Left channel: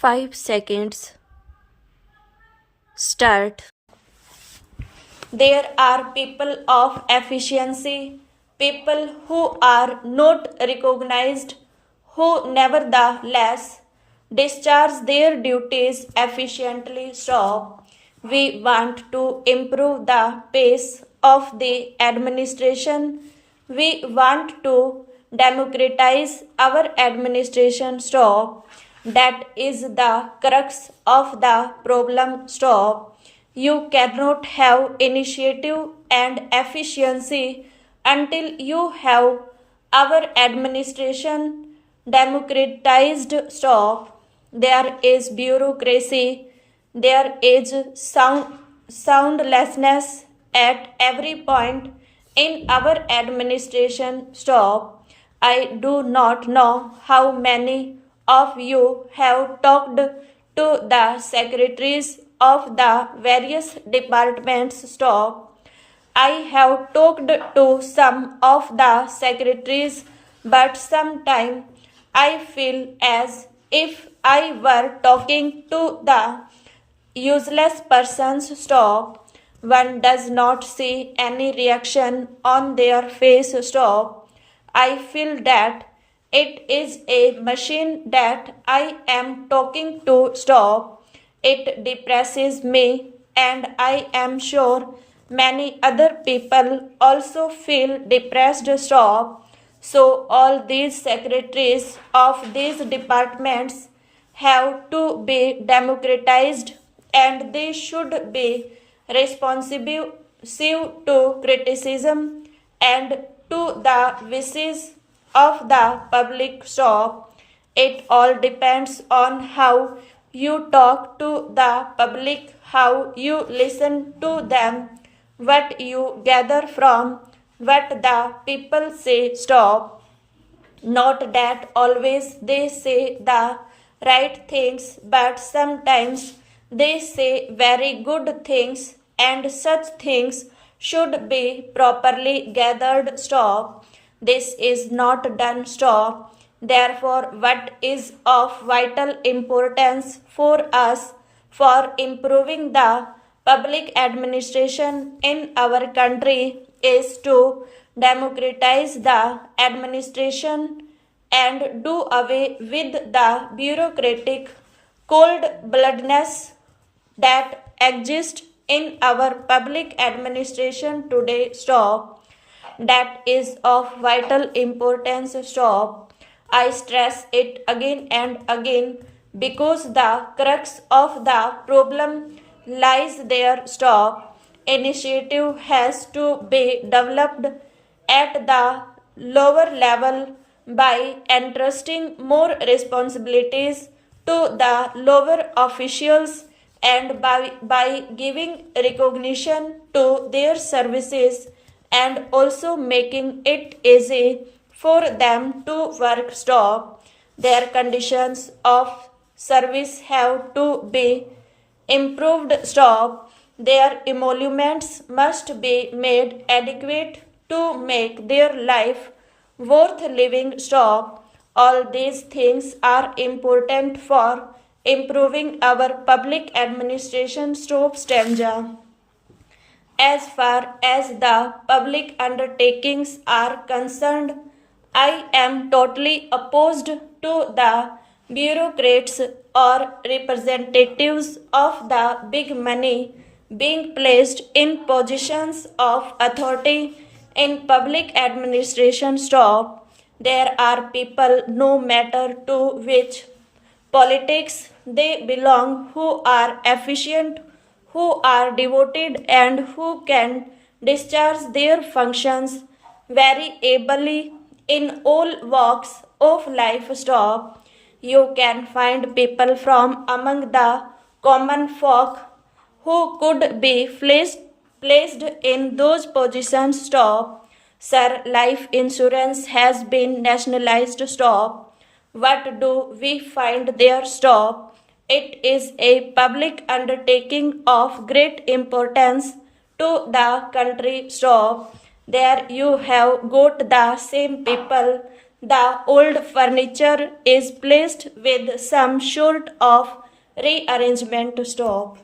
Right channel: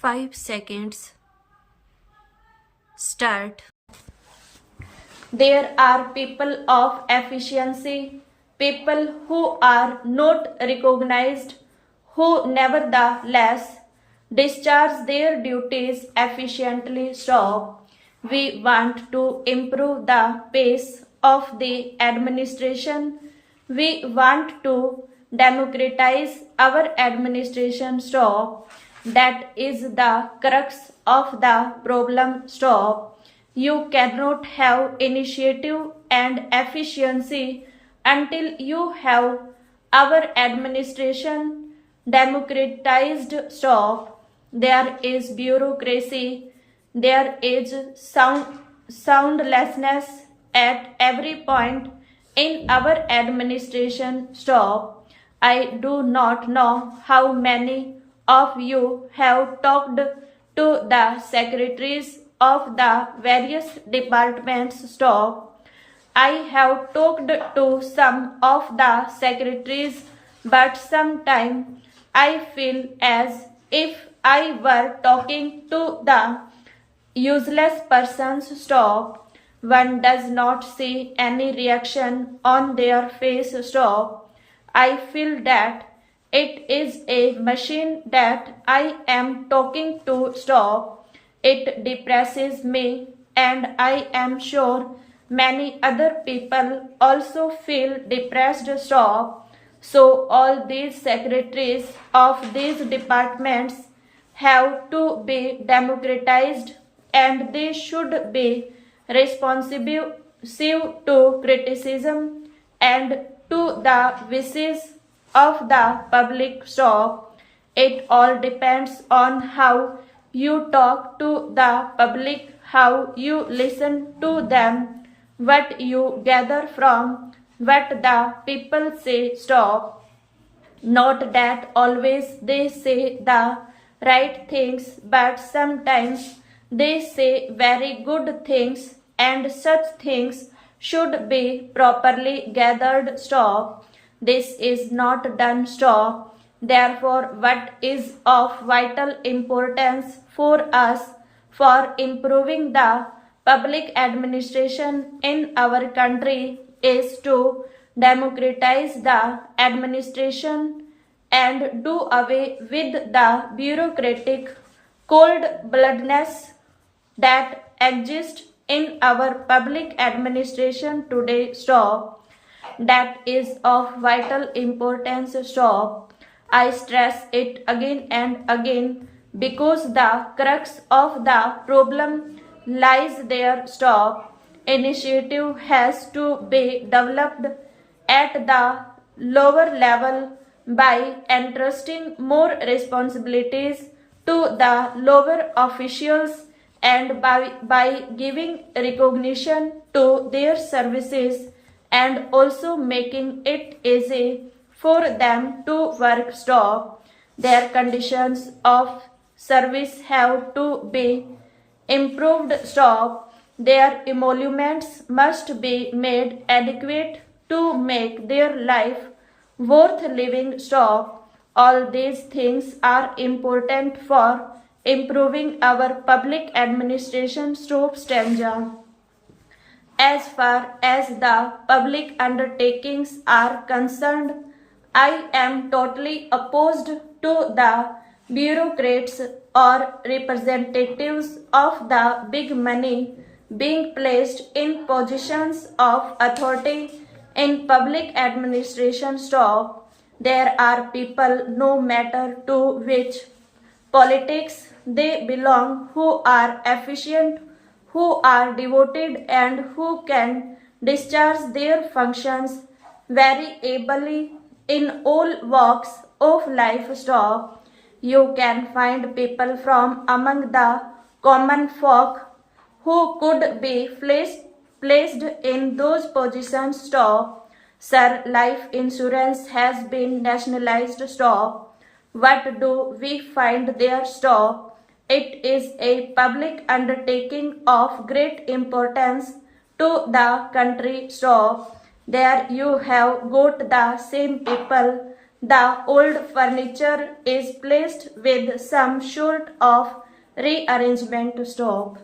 5 seconds. Start. There are people of efficiency, people who are not recognized, who nevertheless discharge their duties efficiently. Stop. We want to improve the pace of the administration. We want to democratize our administration. Stop. That is the crux of the problem. Stop. You cannot have initiative and efficiency until you have our administration democratized. Stop. There is bureaucracy, there is soundlessness at every point in our administration. Stop. I do not know how many of you have talked to the secretaries of the various departments. Stop. I have talked to some of the secretaries, but sometimes I feel as if I were talking to the useless persons. Stop. One does not see any reaction on their face. Stop. I feel that it is a machine that I am talking to. Stop. It depresses me, and I am sure many other people also feel depressed. Stop. So all these secretaries of these departments have to be democratized, and they should be responsive to criticism and to the wishes of the public. Stop. It all depends on how you talk to the public, how you listen to them, what you gather from what the people say. Stop. Not that always they say the right things, but sometimes they say very good things, and such things should be properly gathered. Stop. This is not done. Stop. Therefore, what is of vital importance for us for improving the public administration in our country is to democratize the administration and do away with the bureaucratic cold-bloodedness that exists in our public administration today. Stop. That is of vital importance. Stop. I stress it again and again because the crux of the problem lies there. Stop. Initiative has to be developed at the lower level by entrusting more responsibilities to the lower officials and by giving recognition to their services and also making it easy for them to work. Stop. Their conditions of service have to be improved. Stop. Their emoluments must be made adequate to make their life worth living. Stop. All these things are important for improving our public administration. Stop. Stanza. As far as the public undertakings are concerned, I am totally opposed to the bureaucrats or representatives of the big money being placed in positions of authority in public administration. Stop. There are people, no matter to which politics they belong, who are efficient, who are devoted, and who can discharge their functions very ably in all walks of life. Stop. You can find people from among the common folk who could be placed in those positions. Stop. Sir, life insurance has been nationalized. Stop. What do we find there? Stop. It is a public undertaking of great importance to the country. Stop. There you have got the same people The old furniture is placed with some sort of rearrangement. Stop.